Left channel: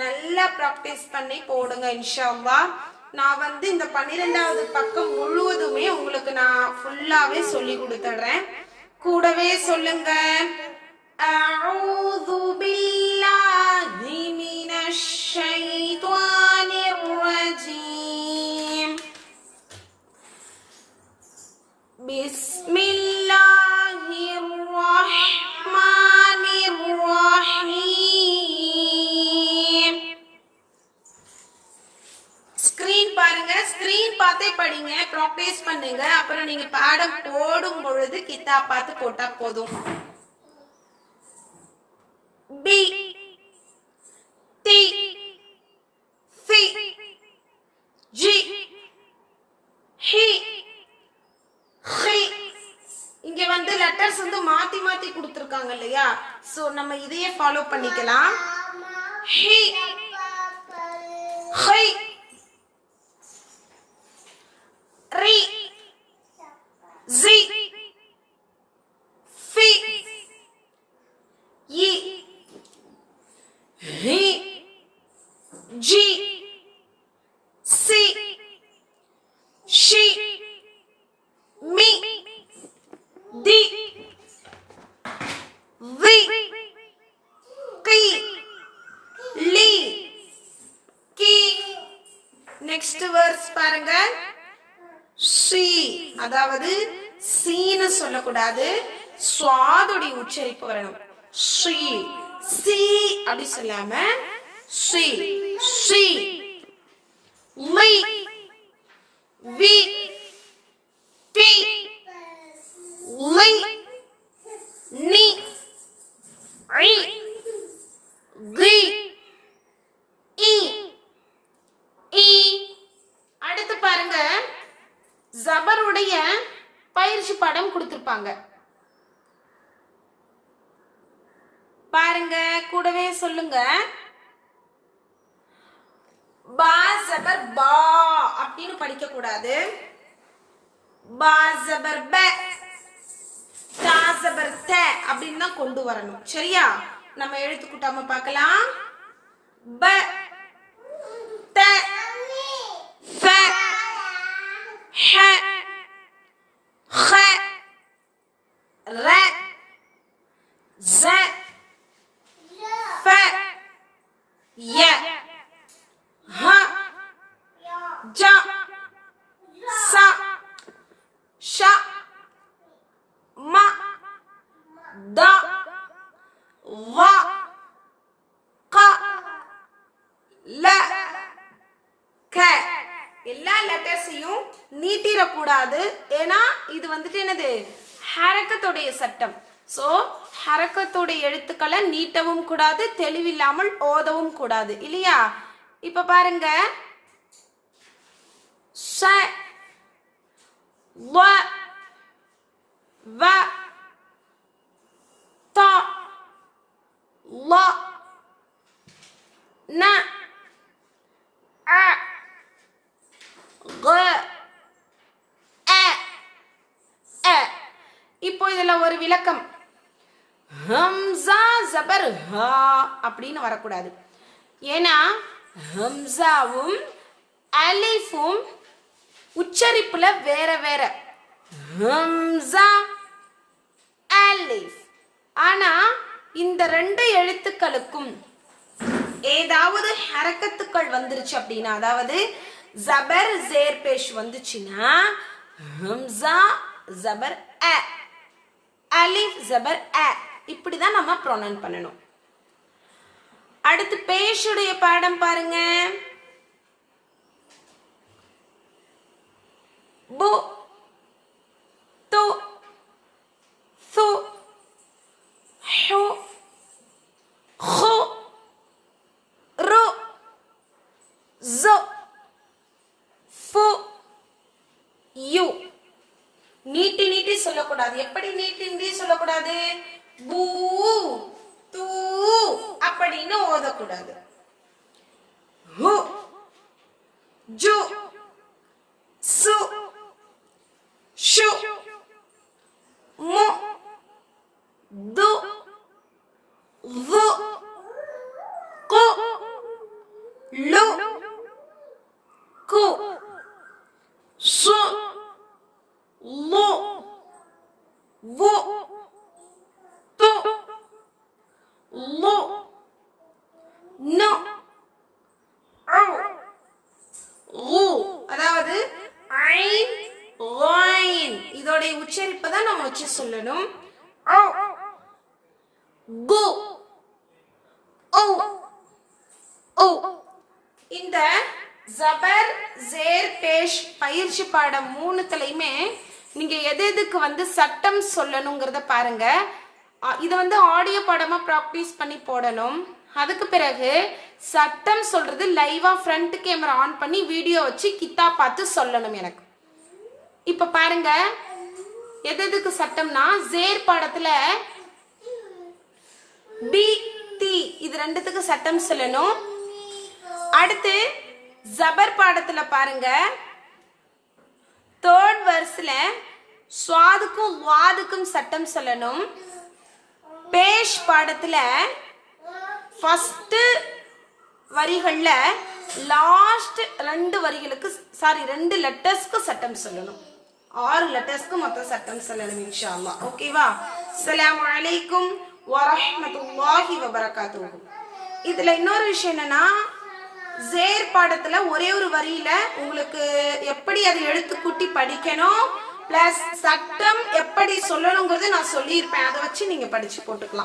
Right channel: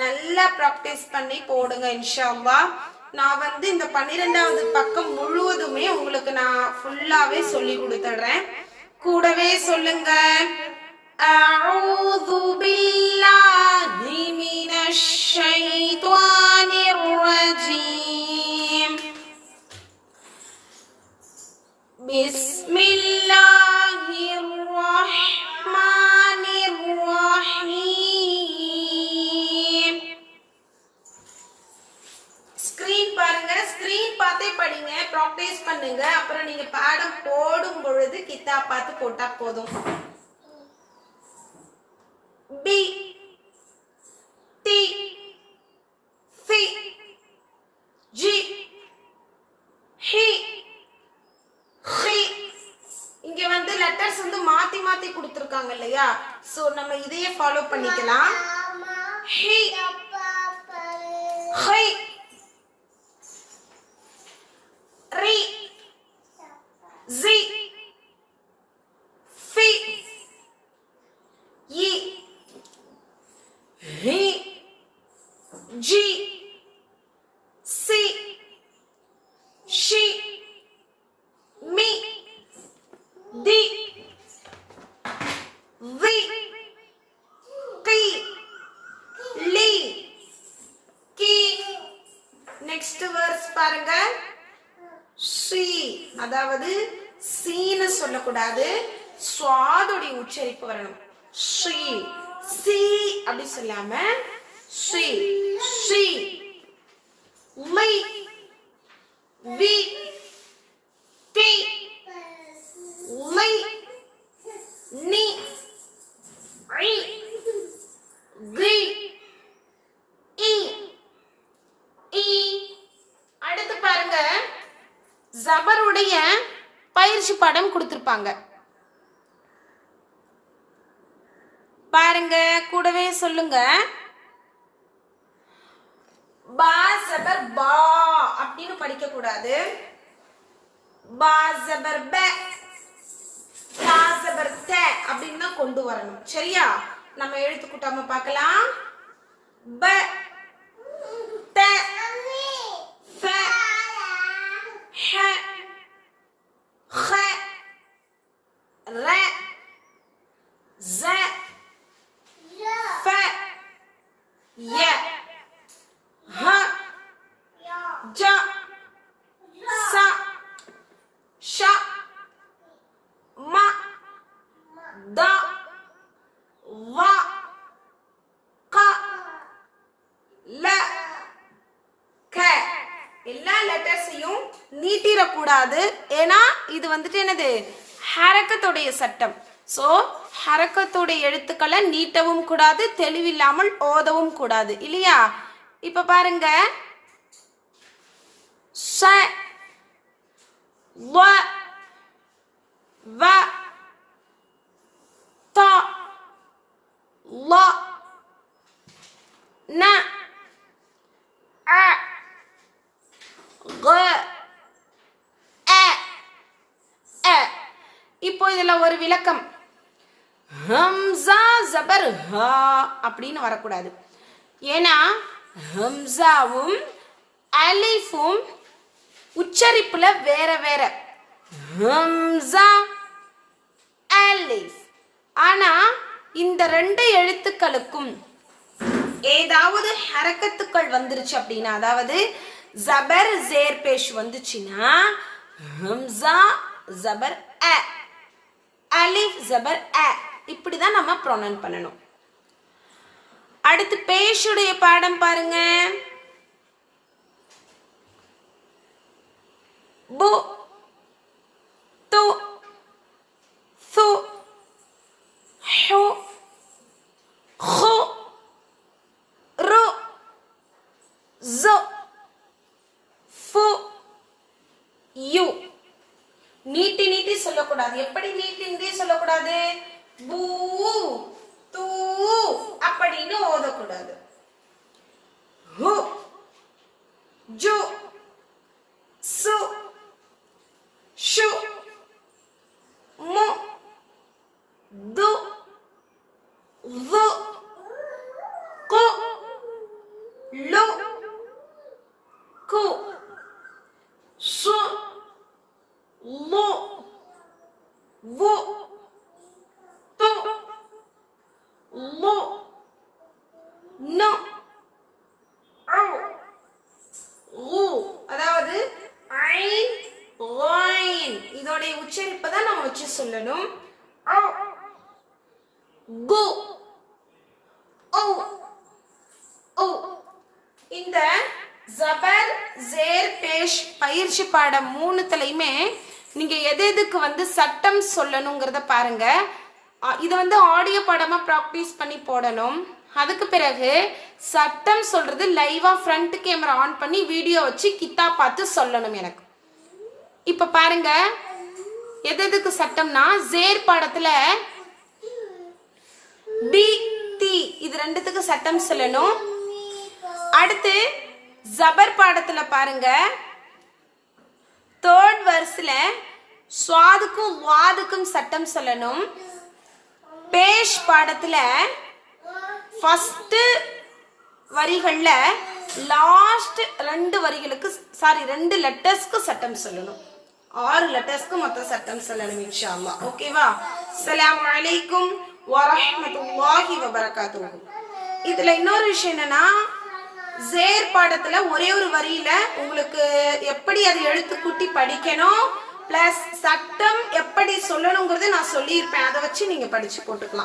நல்லா ப்ராக்டிஸ் பண்ணி போடுங்க இன்ஷா நான் வந்து இந்த பன்னிரெண்டாவது பக்கம் முழுவதுமே உங்களுக்கு நான் ஃபுல்லாவே சொல்லி கொடுத்துடுறேன். கூடவே சொல்லுங்க. போடும் பொழுது கித்தா பார்த்து போட்டா போதும். B D C G he he இங்க வந்து லெட்டர்ஸ் வந்து மாத்தி மாத்தி கொடுத்துருக்காங்க இல்லையா? சோ நம்ம இதையே ஃபாலோ பண்ணிக்கலாம். ஹி ஹை ரி ஜி ஃபி இ ஹி ஜி சி ஷி மி தி we Ki Li Ki next verse பாருங்க ஸ்ரீ அதாவது சீன்னு சொல்லக்கூடாது. சுவாதுடைய உச்சரிப்பு வரணும். ஸ்ரீ சி அப்படி சொல்லாம ஸ்ரீ she மை வி. டி லை நி. ஐ. கி. இ. இ. அடுத்து பாருங்க. ஜபருடைய பயிற்சி படம் கொடுத்துருப்பாங்க. பாருங்க கூடவே சொல்லுங்க. பா பா அப்படின்னு படிக்க கூடாது சாஜபர் ப தா த அப்படின்னு தான் கொண்டு வரணும். சரியா? நம்ம எழுத்து பார்க்கலாம். ப த ஃப ஹ ஹ ர ஸ ஃப ய. த வ க ல க. எல்லா லெட்டர்ஸையும் நீட்டிடக்கூடாது. ஏன்னா இது வந்துட்டு என்னது? ஹரக்கத்துடைய சட்டம். ஸோ ஹரக்கத்துடைய எழுத்துக்களை நீட்டவும் கூடாது தெளிவில்லாமல் ஓதவும் கூடாது. இல்லையா? இப்ப பாருங்க. ச வ வ த ல ந அ க அ அ இப்போ இதுல ஒரு விளக்கம். ஹம்சா ஜபர் ஹா அப்படின்னு வரக்கூடாது. ஏன்னா ஹம்சாவும் அலிஃபும் உச்சரிப்புல வேற வேற. ஹம்சா அலிஃப். ஆனா இந்த ரெண்டு எழுத்துக்களுக்கும் ஏதாவது ஹரக்கத்துக்கள் வந்துருச்சு அப்படின்னா அதாவது ஜபர் ஜேர் பேஷ் வந்துச்சுன்னா ஹம்சா ஜபர் அ அலிஃப் ஜபர் அ இப்படிதான் நம்ம ப்ரொனன் பண்ணணும். அடுத்து பேஷுடைய பாடம் பாருங்க. பு து ஹு ஹு ரு ஜு ஃபு யு நீட்டி நீட்டி சொல்லக்கூடாது. எப்படி நீட்டி நீட்டி சொல்லக்கூடாது? பூ தூ அப்படின்னு ஓதக்கூடாது. ஹு ஜு சு ஷு மு து து கு லு கு சு லு வு து லு நு ஊ அதாவது ஐன் லைன் இதோடைய உச்சரிப்பை தான் நம்ம வச்சு சொல்லணும் கு ஓ ஓ இந்த ஜபர் ஜேர் பேஷ் பயிற்சி பாடம் மூணுத்துலயுமே நீங்க எது எதுக்கு வந்து சட்டம் சொல்லணுங்கிறத பாருங்க. இதை வந்து ஆடியோ படமா ப்ராக்டிஸ் பண்ணி போடணும். அதுக்கு பிறகு சட்டம் சொல்றது லைவா ஃப்ரண்ட் கேமரா ஆன் பண்ணி வீடியோ வச்சு கித்தா பார்த்து சொல்லணும் எனக்கு. இப்ப பாருங்க. எது எதுக்கு சட்டம்னா ஜேர் பாடத்துல பி தி இது ரெண்டுத்துக்கு சட்டம் சொல்லணும். அடுத்து ஜபர் பாடத்துல பாருங்க. தேர்ட் வர்ஸ்ல சுவாதுக்கும் வாதுக்கும் சட்டம் சொல்லணும். பேஷ் பாடத்துல ஃபஸ்ட்டு வரிகளில் லாஸ்ட் ரெண்டு வரிகளுக்கு சாரி ரெண்டு லெட்டர்ஸ்க்கு சட்டம் சொல்லணும். ஆறு லெட்டர்ஸ்க்கு மொத்தம் சட்டம் சொல்லணும் இன்ஷா அல்லாஹ் ஓகேவா அஸ்லாம் வலைக்கும் வரமத்துல்லாஹி வபரகாத்துஹு இதுல இன்னொரு விஷயம் என்னன்னா ஜேர் பாடத்துல ஒரே ஒரு வரியில உங்களுக்கு எப்படி அதை எழுத்து கூட்டி படிக்கணும் பிளஸ் சட்டம் எப்படி சொல்லணுங்கிறது நான் சொல்லியிருப்பேன். அதை வச்சு நீங்க படிச்சு போட்டுக்கலாம்.